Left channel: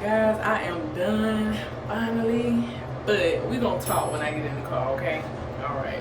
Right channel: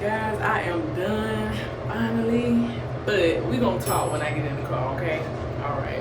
Guys, I am done finally, but we gonna talk when I get in the car, okay? All right.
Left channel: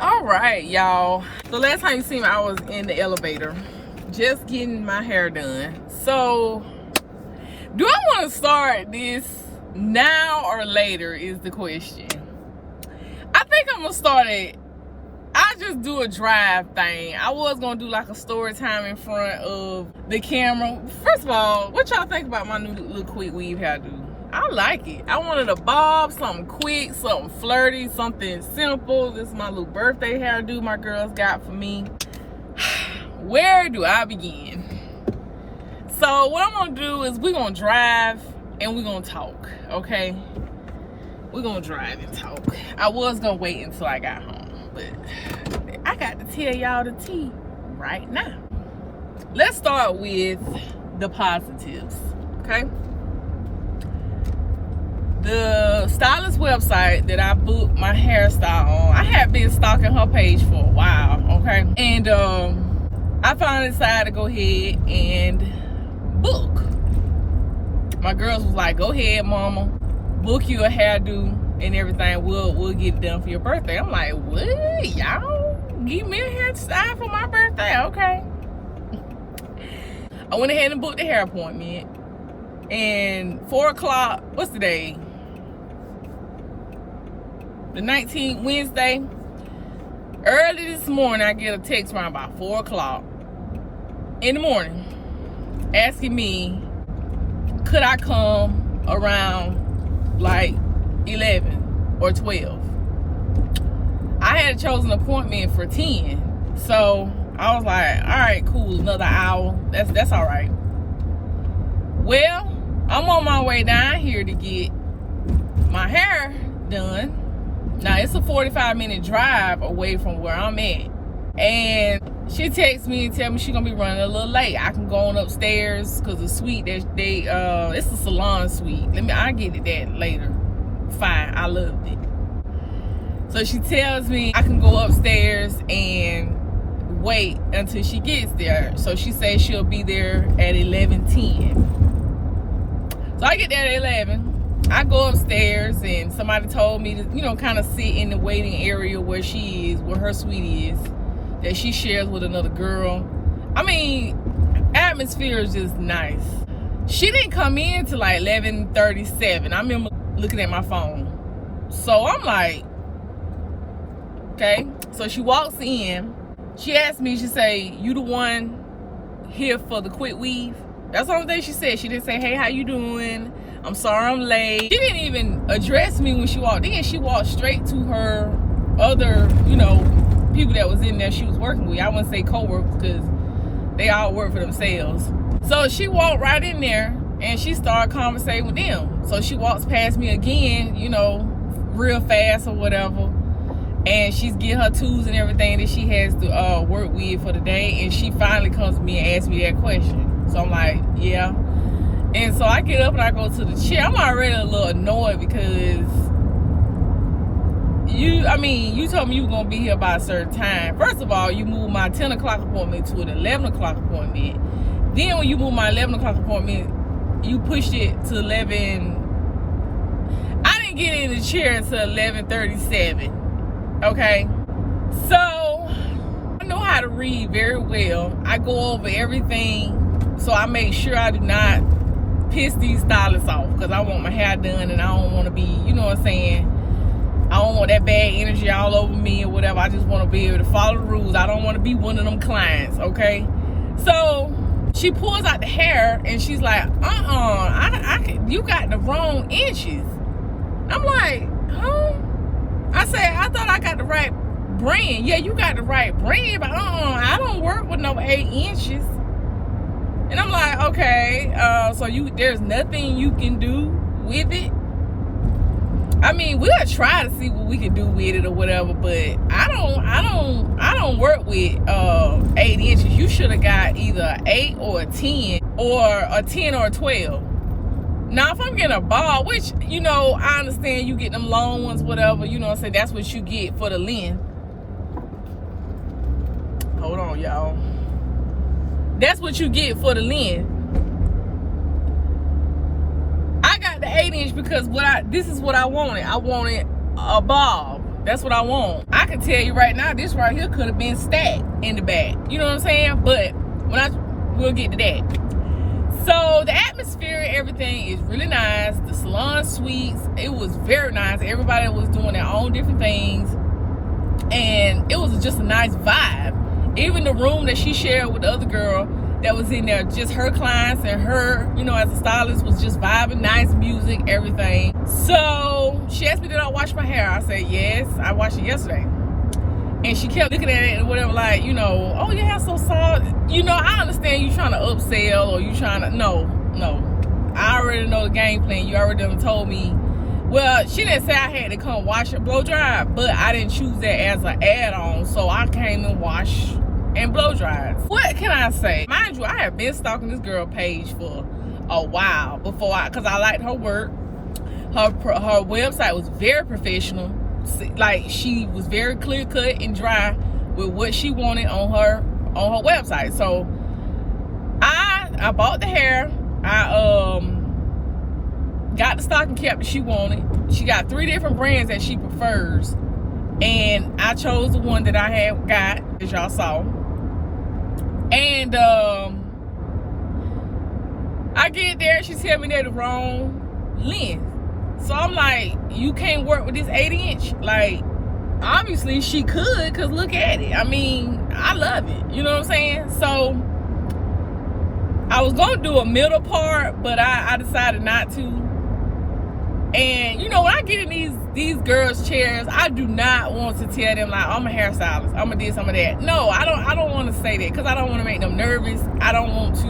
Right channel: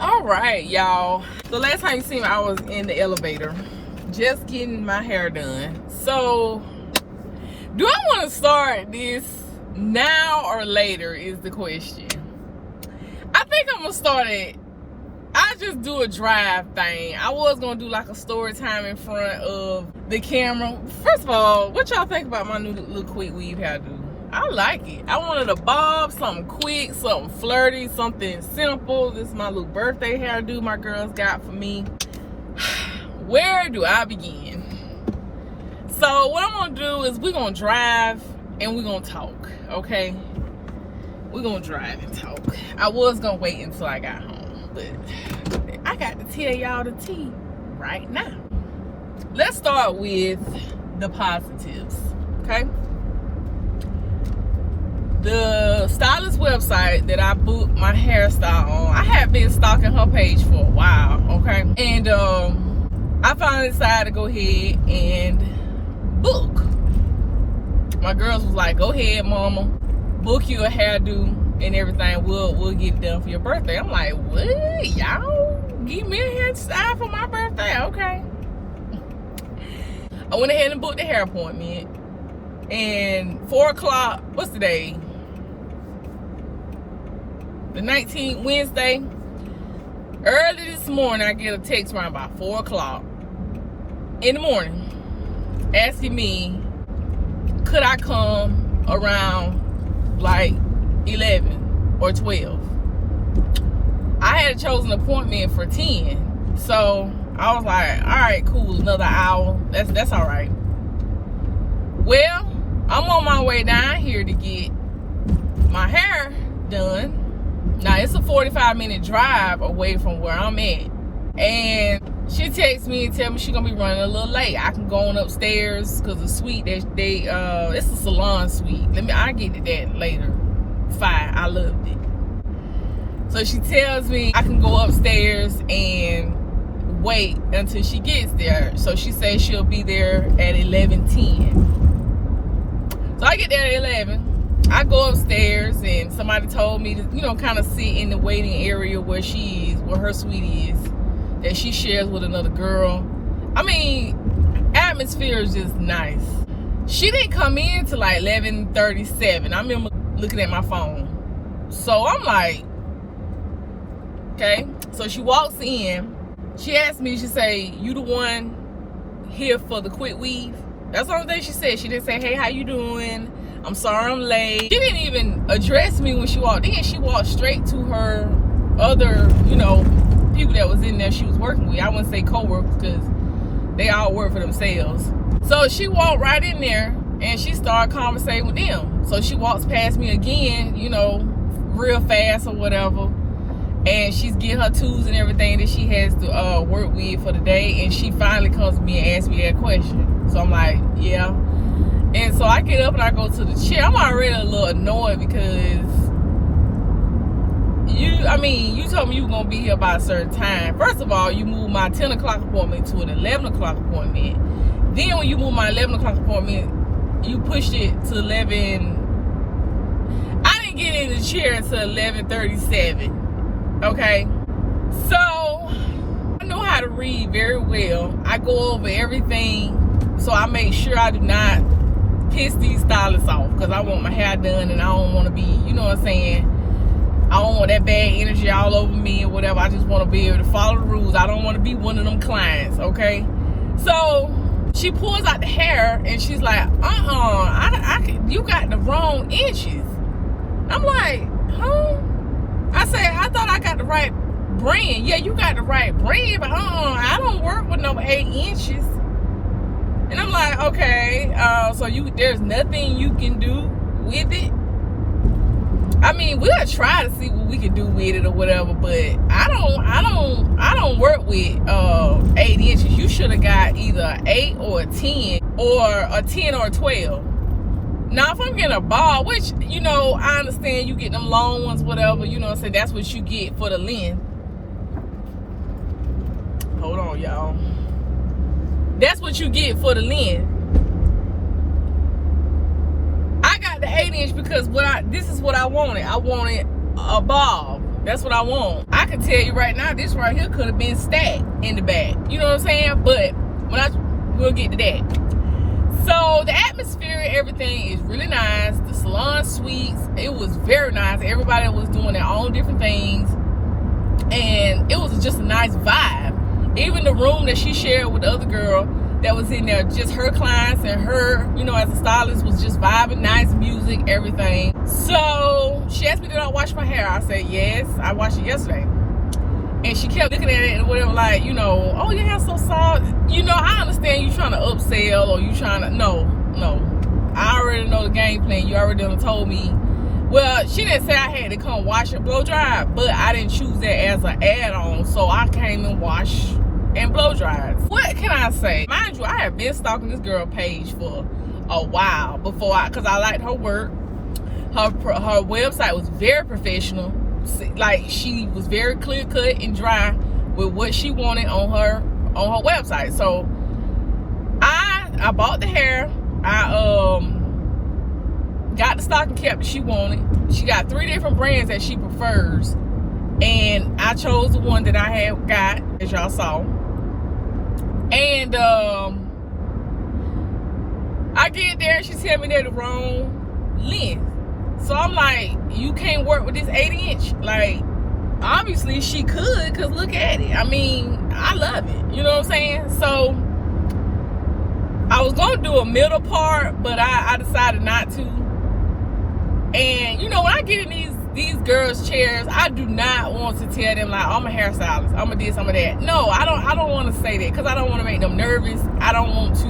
All right, y'all. The last time you seen me, I was in the elevator, just getting my hair done. So, do I want to start this now or later is the question. I think I'm gonna start it. I just do a drive thing. I was gonna do like a story time in front of the camera. First of all, what y'all think about my new little quick weave hairdo? I like it. I wanted a bob, something quick, something flirty, something simple. This is my little birthday hairdo my girls got for me. Where do I begin? So what I'm gonna do is we're gonna drive and we're gonna talk, okay? We're gonna drive and talk. I was gonna wait until I got home, but I got to tell y'all the tea right now. Let's start with the positives, okay? The stylist website that I booked my hairstyle on, I have been stalking her page for a while, okay? And I finally decided to go ahead and book. My girls was like, go ahead, mama, book you a hairdo and everything. We'll get it done for your birthday. I'm like, what? Y'all give me a hairstyle for my birthday? Okay. I went ahead and booked the hair appointment. And 4 o'clock, what's the day? The 19th, Wednesday. Early this morning, I get a text around about 4 o'clock in the morning asking me, could I come around like 11 or 12? I had chosen an appointment for 10. So I was like, all right, cool, another hour. That's all right. Well, I'm on my way down here to get my hair done. Now it's a 45-minute drive away from where I'm at. And she texts me and tell me she's gonna be running a little late. I can go on upstairs because the suite that it's a salon suite. I'll get it that later. Fine, I loved it. So she tells me I can go upstairs and wait until she gets there. So she says she'll be there at 11:10. So I get there at 11. I go upstairs and somebody told me to, kind of sit in the waiting area where she is, where her suite is, that she shares with another girl. I mean, atmosphere is just nice. She didn't come in till like 11:37. I remember looking at my phone. So I'm like, okay. So she walks in. She asked me, she say, you the one here for the quick weave? That's the only thing she said. She didn't say, hey, how you doing? I'm sorry I'm late. She didn't even address me when she walked in. She walked straight to her other, people that was in there she was working with. I wouldn't say co-workers because they all work for themselves. So she walked right in there and she started conversating with them. So she walks past me again, real fast or whatever. And she's getting her tools and everything that she has to work with for the day. And she finally comes to me and asks me that question. So I'm like, yeah. And so I get up and I go to the chair. I'm already a little annoyed because you told me you were going to be here by a certain time. First of all, you moved my 10 o'clock appointment to an 11 o'clock appointment. Then when you moved my 11 o'clock appointment, you pushed it to 11. I didn't get in the chair until 11:37. Okay? So, I know how to read very well. I go over everything. So I make sure I do not piss these stylists off because I want my hair done and I don't want to be, you know what I'm saying? I don't want that bad energy all over me or whatever. I just want to be able to follow the rules. I don't want to be one of them clients, okay? So she pulls out the hair and she's like, you got the wrong inches. I'm like, huh? I said, I thought I got the right brand. Yeah, you got the right brand, but I don't work with no 8 inches. And I'm like, okay, so there's nothing you can do with it? I mean, we'll try to see what we can do with it or whatever, but I don't work with 8 inches. You should have got either 8 or a 10 or a 10 or a 12. Now, if I'm getting a bob, which, you know, I understand you get them long ones, whatever, you know what I'm saying? That's what you get for the length. Hold on, y'all. That's what you get for the length. I got the 8-inch because this is what I wanted. I wanted a bob. That's what I want. I can tell you right now, this right here could have been stacked in the back. You know what I'm saying? But we'll get to that. So the atmosphere, everything is really nice. The salon suites, it was very nice. Everybody was doing their own different things, and it was just a nice vibe. Even the room that she shared with the other girl that was in there, just her clients and her, you know, as a stylist, was just vibing, nice music, everything. So she asked me, did I wash my hair? I said, yes, I washed it yesterday. And she kept looking at it and whatever, like, you know, oh, your hair's so soft. You know, I understand you trying to upsell or you trying to, no. I already know the game plan. You already done told me. Well, she didn't say I had to come wash and blow dry, but I didn't choose that as an add-on. So I came and washed and blow dried. What can I say? Mind you, I have been stalking this girl page for a while because I liked her work. Her website was very professional. Like, she was very clear cut and dry with what she wanted on her website. So I bought the hair. I got the stocking cap that she wanted. She got 3 different brands that she prefers, and I chose the one that I had got, as y'all saw. And I get there, she tell me they're the wrong length. So I'm like, you can't work with this 8-inch? Like, obviously she could, because look at it. I mean, I love it. You know what I'm saying? So I was going to do a middle part, but I decided not to. And, you know, when I get in these girls' chairs, I do not want to tell them, like, I'm a hairstylist, I'm a this, I'm a that. No, I don't want to say that, because I don't want to make them nervous. I don't want to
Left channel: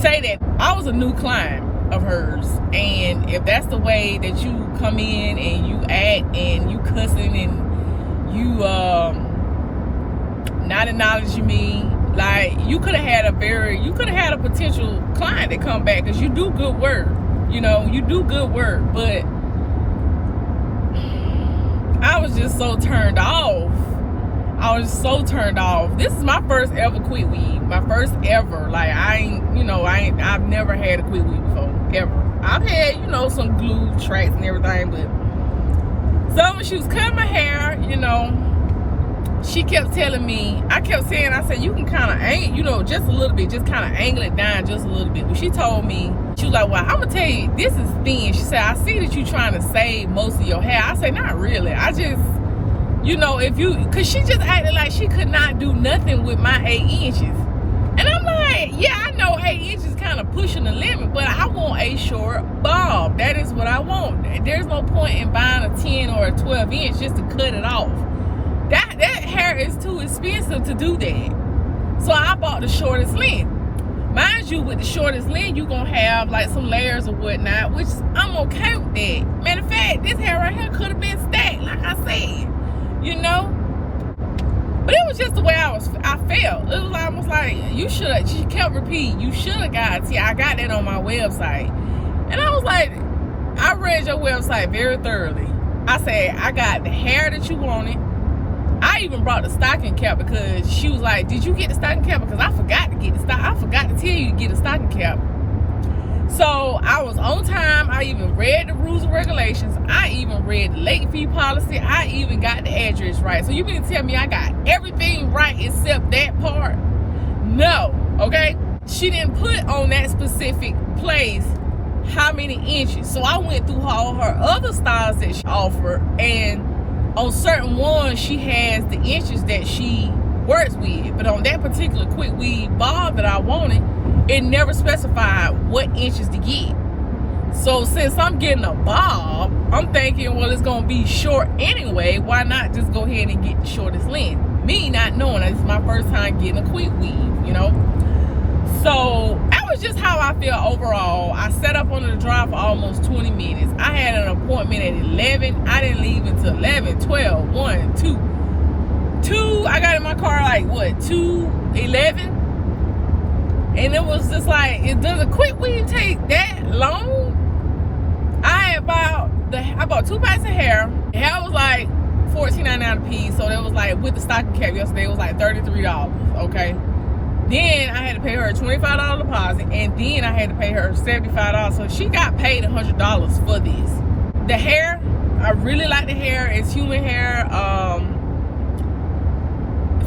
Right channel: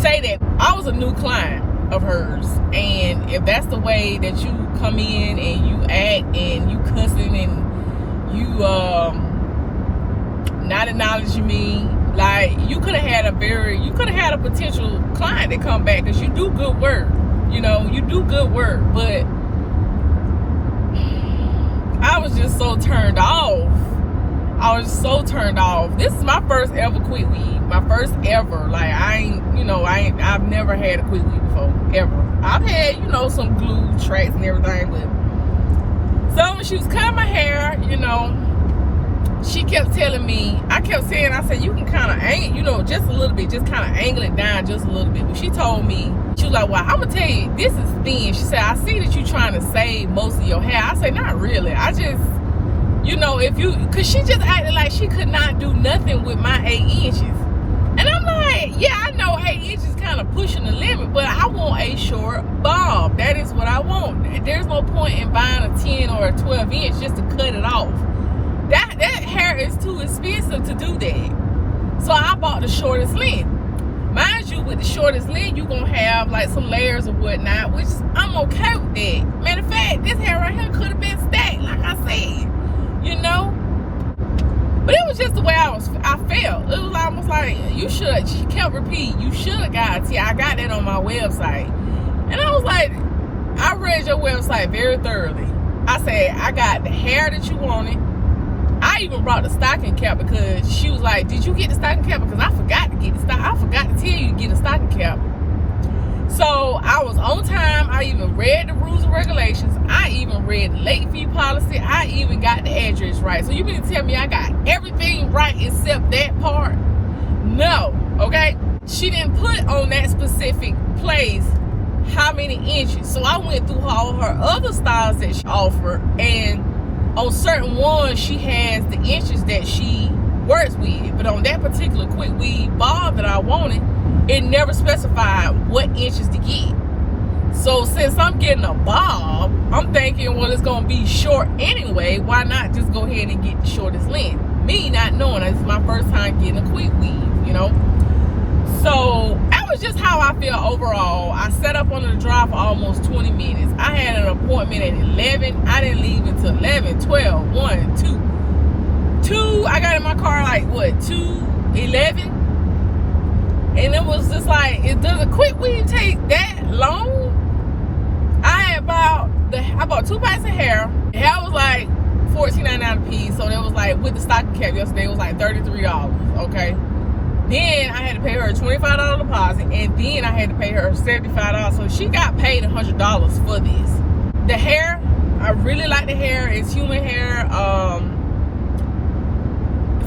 say that I was a new client of hers, and if that's the way that you come in and you act and you cussing and you not acknowledging me, like, you could have had a potential client that come back, because you do good work. You know, you do good work. But I was just so turned off. This is my first ever quick weave. My first ever. Like, I've never had a quick weave before, ever. I've had, you know, some glue tracks and everything, but so when she was cutting my hair, you know, she kept telling me, I said, you can kind of angle, you know, just a little bit, just kind of angle it down just a little bit. But she told me, she was like, well, I'm going to tell you, this is thin. She said, I see that you're trying to save most of your hair. I said, not really. I just, you know, because she just acted like she could not do nothing with my 8 inches. And I'm like, yeah, I know 8 inches kind of pushing the limit, but I want a short bob. That is what I want. There's no point in buying a 10 or a 12 inch just to cut it off. That hair is too expensive to do that. So I bought the shortest length. Mind you, with the shortest length, you're going to have like some layers or whatnot, which I'm okay with that. Matter of fact, this hair right here could have been stacked, like I said, you know. But it was just the way I felt. It was almost like, she kept repeating, you should have got a I got that on my website. And I was like, I read your website very thoroughly. I said, I got the hair that you wanted. I even brought the stocking cap because she was like, did you get the stocking cap? Because I forgot to get I forgot to tell you to get a stocking cap. So I was on time. I even read the rules and regulations. I even read the late fee policy. I even got the address right. So you mean to tell me I got everything right except that part? No, okay? She didn't put on that specific place how many inches. So I went through all her other styles that she offered, and on certain ones, she has the inches that she works with. But on that particular quick weave bob that I wanted, it never specified what inches to get. So since I'm getting a bob, I'm thinking, well, it's going to be short anyway. Why not just go ahead and get the shortest length? Me not knowing, this is my first time getting a quick weave, you know. So that was just how I feel overall. I sat up on the drive for almost 20 minutes. I had an appointment at 11. I didn't leave until 11, 12, 1, 2. I got in my car like, what, 2:11? And it was just like, does a quick weave take that long? I had I bought 2 packs of hair. Hair was like $14.99 a piece. So that was like, with the stocking cap yesterday, it was like $33, okay? Then I had to pay her a $25 deposit, and then I had to pay her $75. So she got paid $100 for this. The hair, I really like the hair. It's human hair.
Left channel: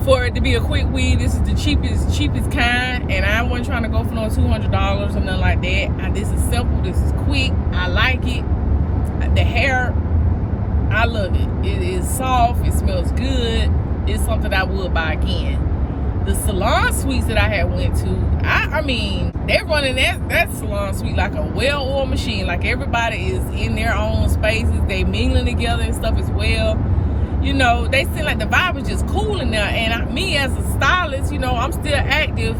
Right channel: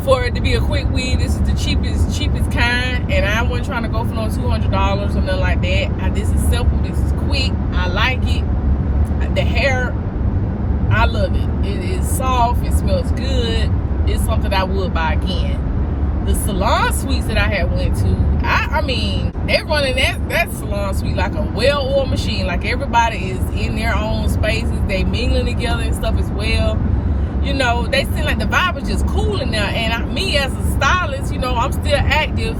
For it to be a quick weave, this is the cheapest kind, and I wasn't trying to go for no $200 or something like that. This is simple. This is quick. I like it. The hair, I love it. It is soft. It smells good. It's something I would buy again. The salon suites that I had went to, I mean, they're running that salon suite like a well-oiled machine. Like everybody is in their own spaces. They mingling together and stuff as well. You know, they seem like the vibe was just cool in there. And me as a stylist, you know, I'm still active.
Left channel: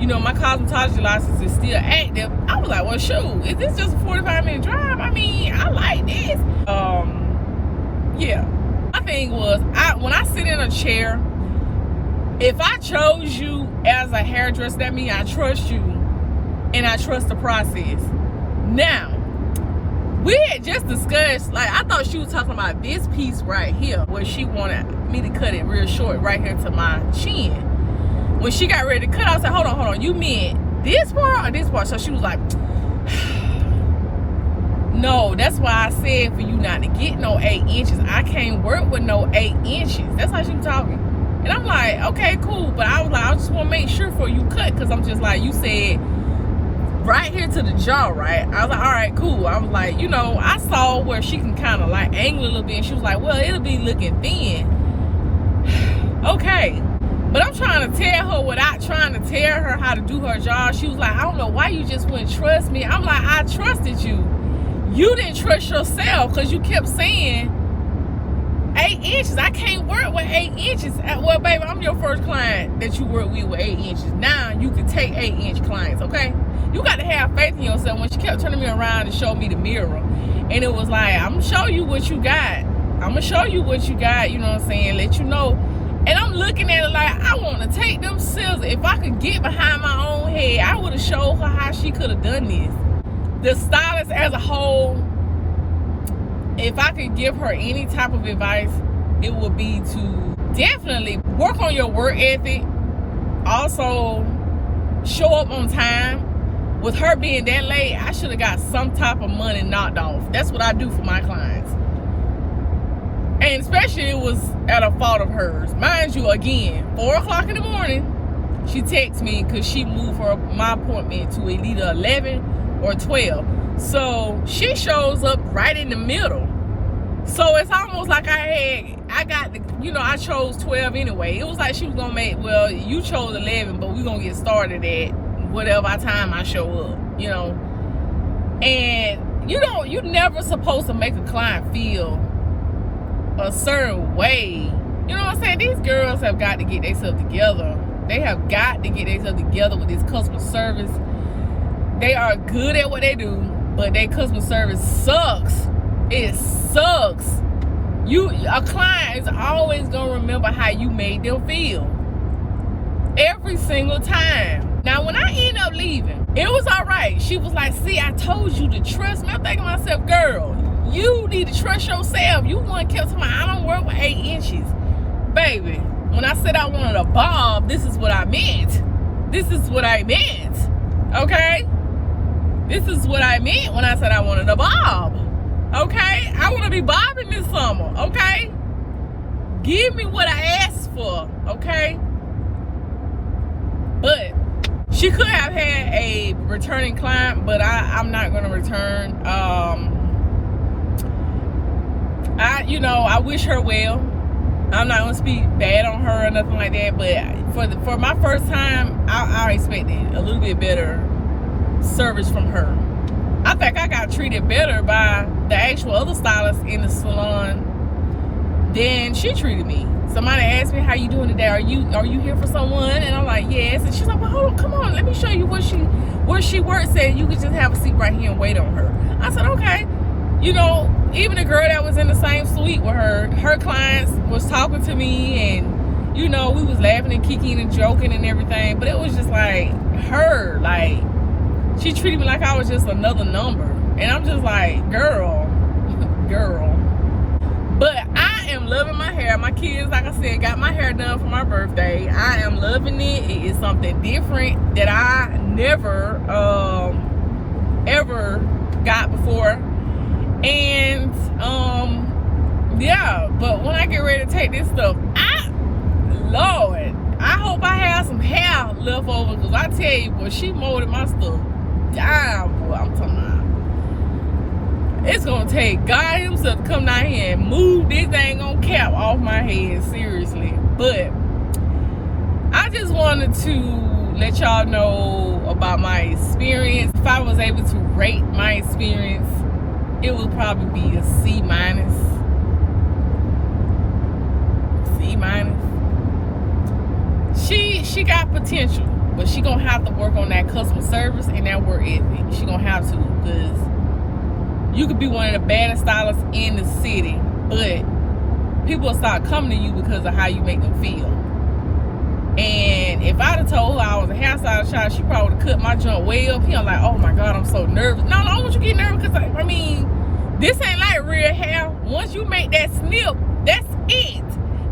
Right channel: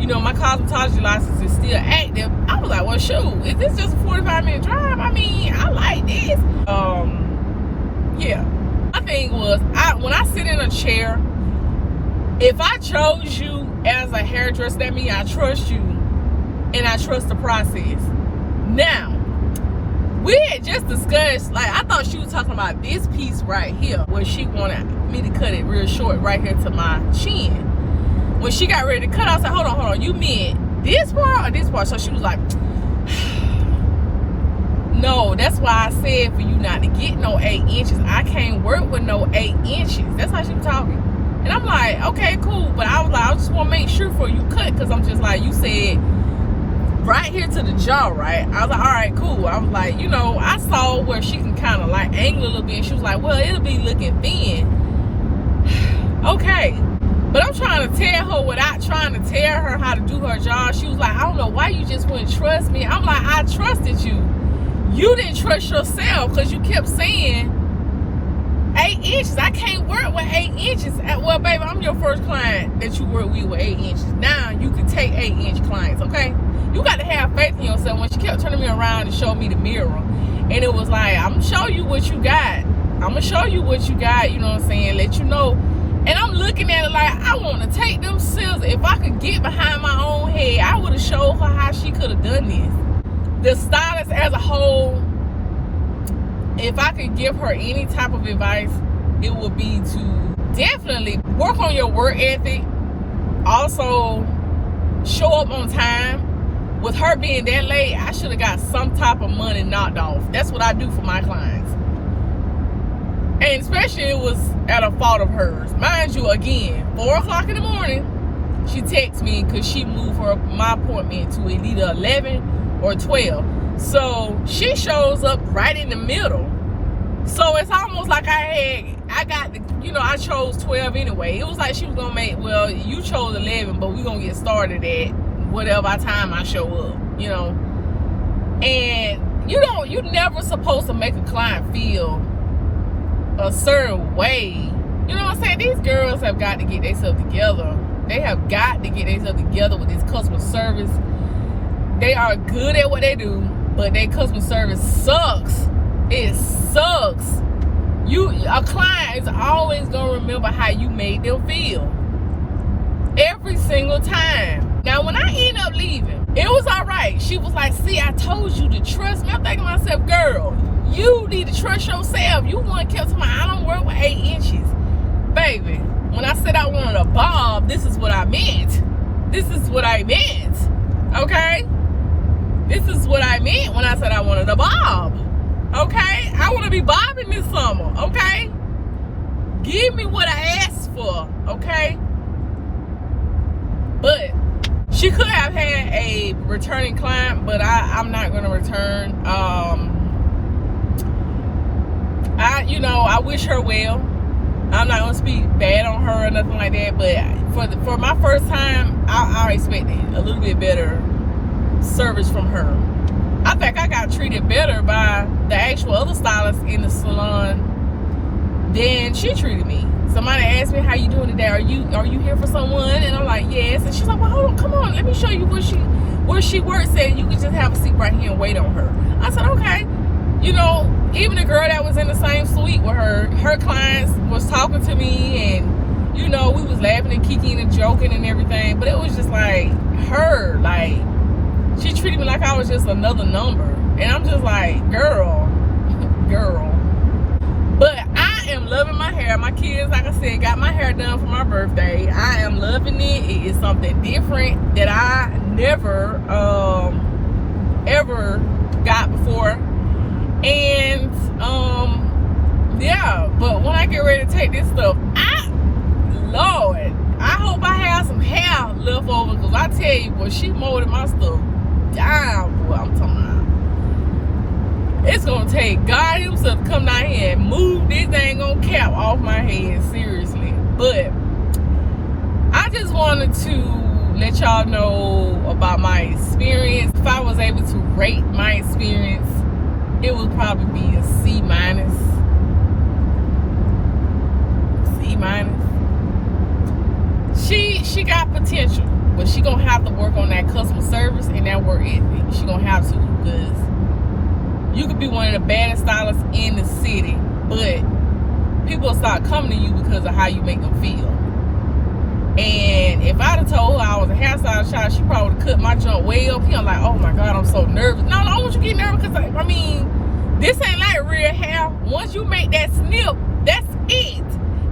You know, my cosmetology license is still active. I was like, well, shoot, is this just a 45-minute drive? I mean, I like this. Yeah. My thing was, when I sit in a chair, if I chose you as a hairdresser, that means I trust you and I trust the process. Now, we had just discussed, like, I thought she was talking about this piece right here, where she wanted me to cut it real short right here to my chin. When she got ready to cut, I said, hold on, you meant this part or this part? So she was like, no, that's why I said for you not to get no 8 inches. I can't work with no 8 inches. That's how she was talking. And I'm like, okay, cool. But I was like, I just want to make sure for you cut, because I'm just like, you said right here to the jaw, right? I was like, all right, cool. I was like, you know, I saw where she can kind of like angle a little bit. And she was like, well, it'll be looking thin. Okay. But I'm trying to tell her without trying to tell her how to do her job. She was like, I don't know why you just wouldn't trust me. I'm like, I trusted you. You didn't trust yourself, because you kept saying 8 inches. I can't work with 8 inches. Well, baby, I'm your first client that you work with 8 inches. Now you can take 8-inch clients, okay? You got to have faith in yourself. When she kept turning me around and showed me the mirror, and it was like, I'm gonna show you what you got. I'm gonna show you what you got. You know what I'm saying? Let you know. And I'm looking at it like, I want to take them scissors. If I could get behind my own head, I would have showed her how she could have done this. The stylist as a whole, if I could give her any type of advice, it would be to definitely work on your work ethic. Also, show up on time. With her being that late, I should have got some type of money knocked off. That's what I do for my clients. And especially it was at a fault of hers. Mind you, again, 4 o'clock in the morning, she texts me because she moved my appointment to either 11 or 12. So she shows up right in the middle. So it's almost like I chose 12 anyway. It was like she was gonna make, well, you chose 11, but we're gonna get started at whatever time I show up, you know. And you're never supposed to make a client feel a certain way. You know what I'm saying? These girls have got to get themselves together. They have got to get themselves together with this customer service. They are good at what they do, but their customer service sucks. It sucks. A client is always gonna remember how you made them feel. Every single time. Now, when I end up leaving, it was all right. She was like, see, I told you to trust me. I'm thinking to myself, girl, you need to trust yourself. You want to keep telling me I don't work with 8 inches. Baby, when I said I wanted a bob, this is what I meant. This is what I meant. Okay? This is what I meant when I said I wanted a bob. Okay? I want to be bobbing this summer. Okay? Give me what I asked for. Okay? But she could have had a returning client, but I'm not going to return. I wish her well. I'm not going to speak bad on her or nothing like that, but for my first time, I expected a little bit better service from her. I think I got treated better by the actual other stylist in the salon than she treated me. Somebody asked me, how you doing today? Are you here for someone? And I'm like, yes. And she's like, well, hold on, come on, let me show you where she works at. You can just have a seat right here and wait on her. I said, okay. You know, even the girl that was in the same suite with her clients was talking to me, and, you know, we was laughing and kicking and joking and everything. But it was just like, her, like, she treated me like I was just another number. And I'm just like, girl. But I am loving my hair. My kids, like I said, got my hair done for my birthday. I am loving it. It is something different that I never ever got before. And yeah, but when I get ready to take this stuff, Lord, I hope I have some hair left over, because I tell you, boy, she molded my stuff down, boy. I'm talking about, it's gonna take God himself to come down here and move this dang on cap off my head, seriously. But I just wanted to let y'all know about my experience. If I was able to rate my experience, it would probably be a C minus. C minus. She got potential, but she gonna have to work on that customer service and that work ethic. She gonna have to, because you could be one of the baddest stylists in the city, but people will start coming to you because of how you make them feel. And if I'd have told her I was a hairstylist child, she probably would have cut my junk way up here. I'm like, oh my God, I'm so nervous. No, I want you to get nervous, because I mean, this ain't like real hair. Once you make that snip, that's it.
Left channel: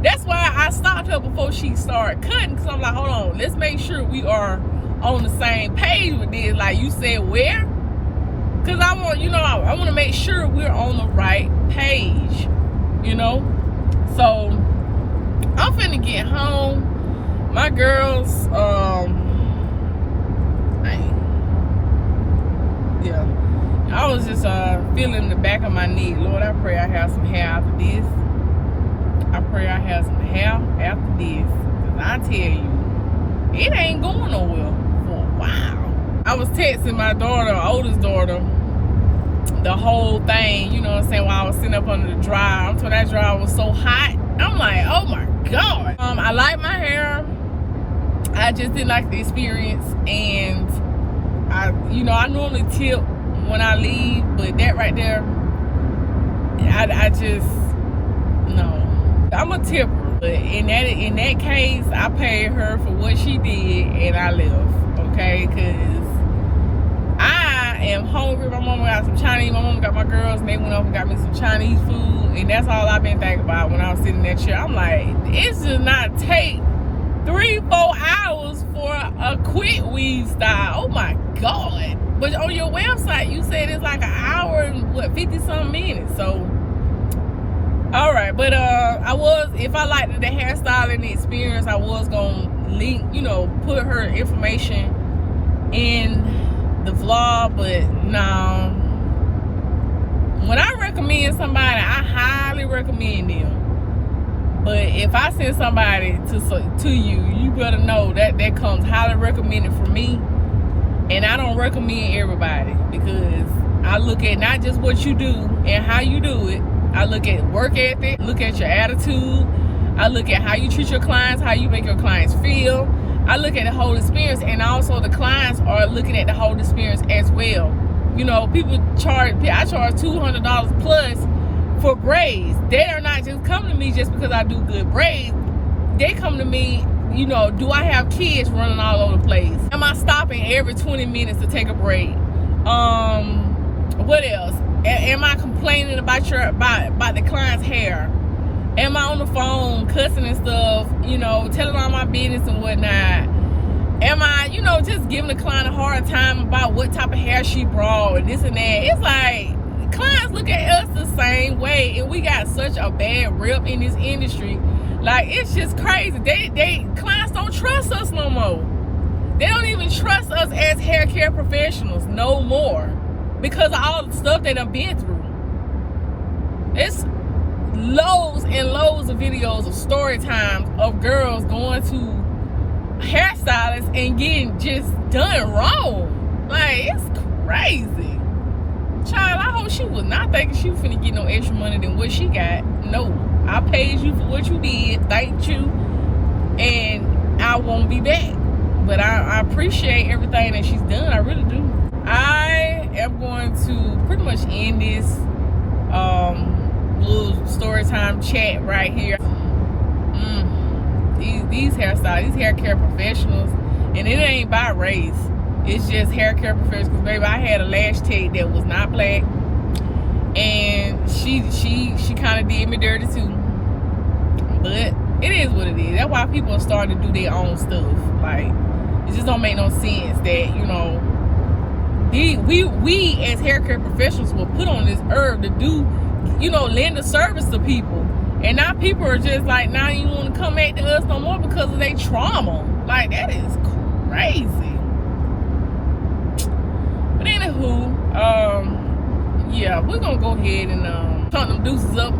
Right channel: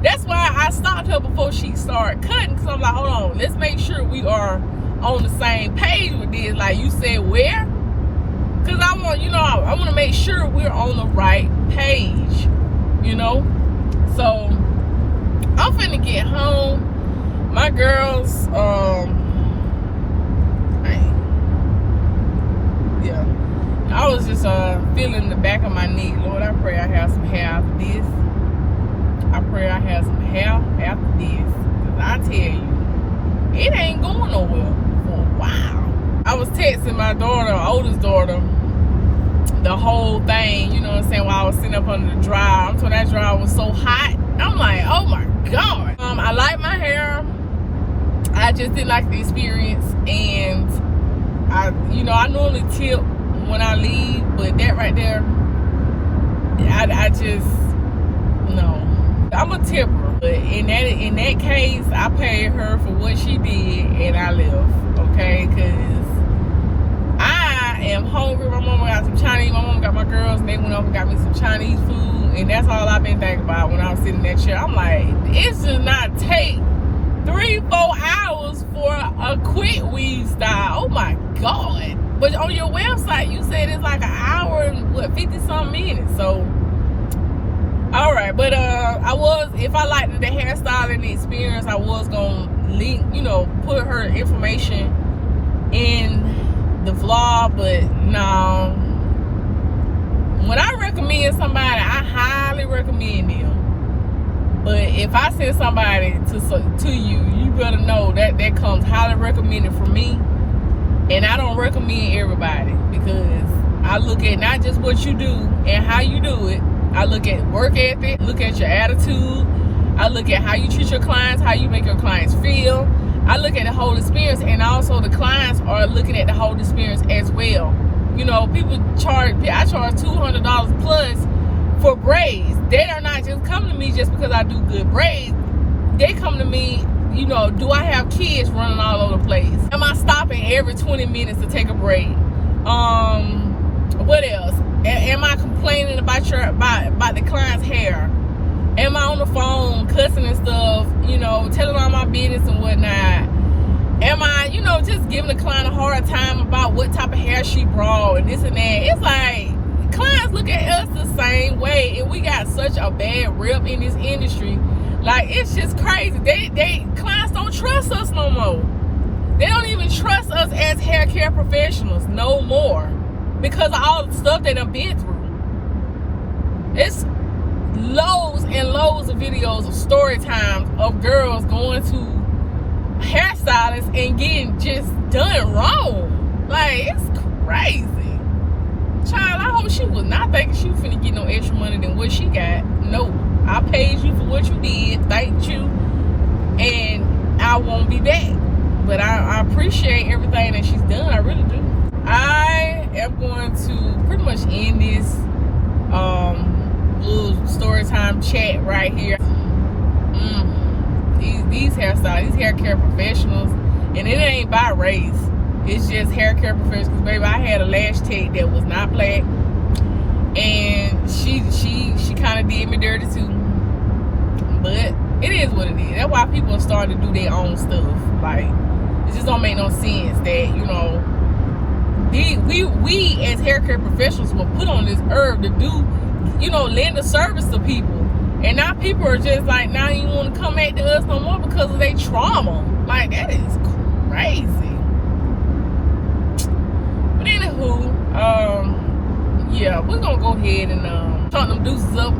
That's why I stopped her before she started cutting, because I'm like, hold on, let's make sure we are on the same page with this. Like you said, where? Because I want, you know, I want to make sure we're on the right page, you know? So I'm finna get home. My girls, yeah, I was just feeling the back of my neck. Lord, I pray I have some hair after this. I pray I have some hair after this. Because I tell you, it ain't going nowhere for a while. I was texting my daughter, oldest daughter, the whole thing, you know what I'm saying, while I was sitting up under the dryer. I'm told that dryer was so hot. I'm like, oh my God. I like my hair. I just didn't like the experience. And I normally tip when I leave, but that right there, I just, no. I'm a tipper, but in that case, I paid her for what she did and I left, okay? Because I am hungry. My mama got some Chinese. My mama got my girls, and they went over and got me some Chinese food, and that's all I've been thinking about when I was sitting in that chair. I'm like, it should not take 3-4 hours for a quick weave style. Oh my God. But on your website, you said it's like an hour and 50-something minutes. So, all right. But if I liked the hairstyling experience, I was gonna link, put her information in the vlog. But no, when I recommend somebody, I highly recommend them. But if I send somebody to you, you better know that comes highly recommended for me. And I don't recommend everybody, because I look at not just what you do and how you do it. I look at work ethic, look at your attitude. I look at how you treat your clients, how you make your clients feel. I look at the whole experience, and also the clients are looking at the whole experience as well. I charge $200 plus for braids. They are not just coming to me just because I do good braids. They come to me, do I have kids running all over the place? Am I stopping every 20 minutes to take a break? What else? Am I complaining about the client's hair? Am I on the phone cussing and stuff, telling all my business and whatnot? Am I, just giving the client a hard time about what type of hair she brought and this and that? It's like, clients look at us the same way, and we got such a bad rep in this industry. Like, it's just crazy. Clients don't trust us no more. They don't even trust us as hair care professionals no more, because of all the stuff they done been through. It's loads and loads of videos of story times of girls going to hairstylists and getting just done wrong. Like, it's crazy. Child, I hope she was not thinking she was finna get no extra money than what she got. No. I paid you for what you did. Thank you. And I won't be back. But I appreciate everything that she's done. I really do. I am going to pretty much end this little story time chat right here. These hairstylists, these hair care professionals, And it ain't by race. It's just hair care professionals. Baby, I had a lash tech that was not black. And she kind of did me dirty too. But it is what it is. That's why people are starting to do their own stuff. Like, it just don't make no sense that, you know, we as hair care professionals were put on this earth to do, you know, lend a service to people. And now people are just like, now you want to come back to us no more because of their trauma. Like, that is crazy. But anywho, yeah, we're gonna go ahead and turn them deuces up.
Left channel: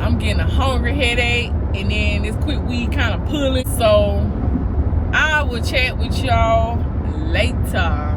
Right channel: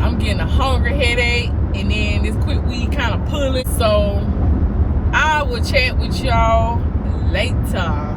I'm getting a hungry headache, and then this quick weed kind of pulling. So I will chat with y'all later.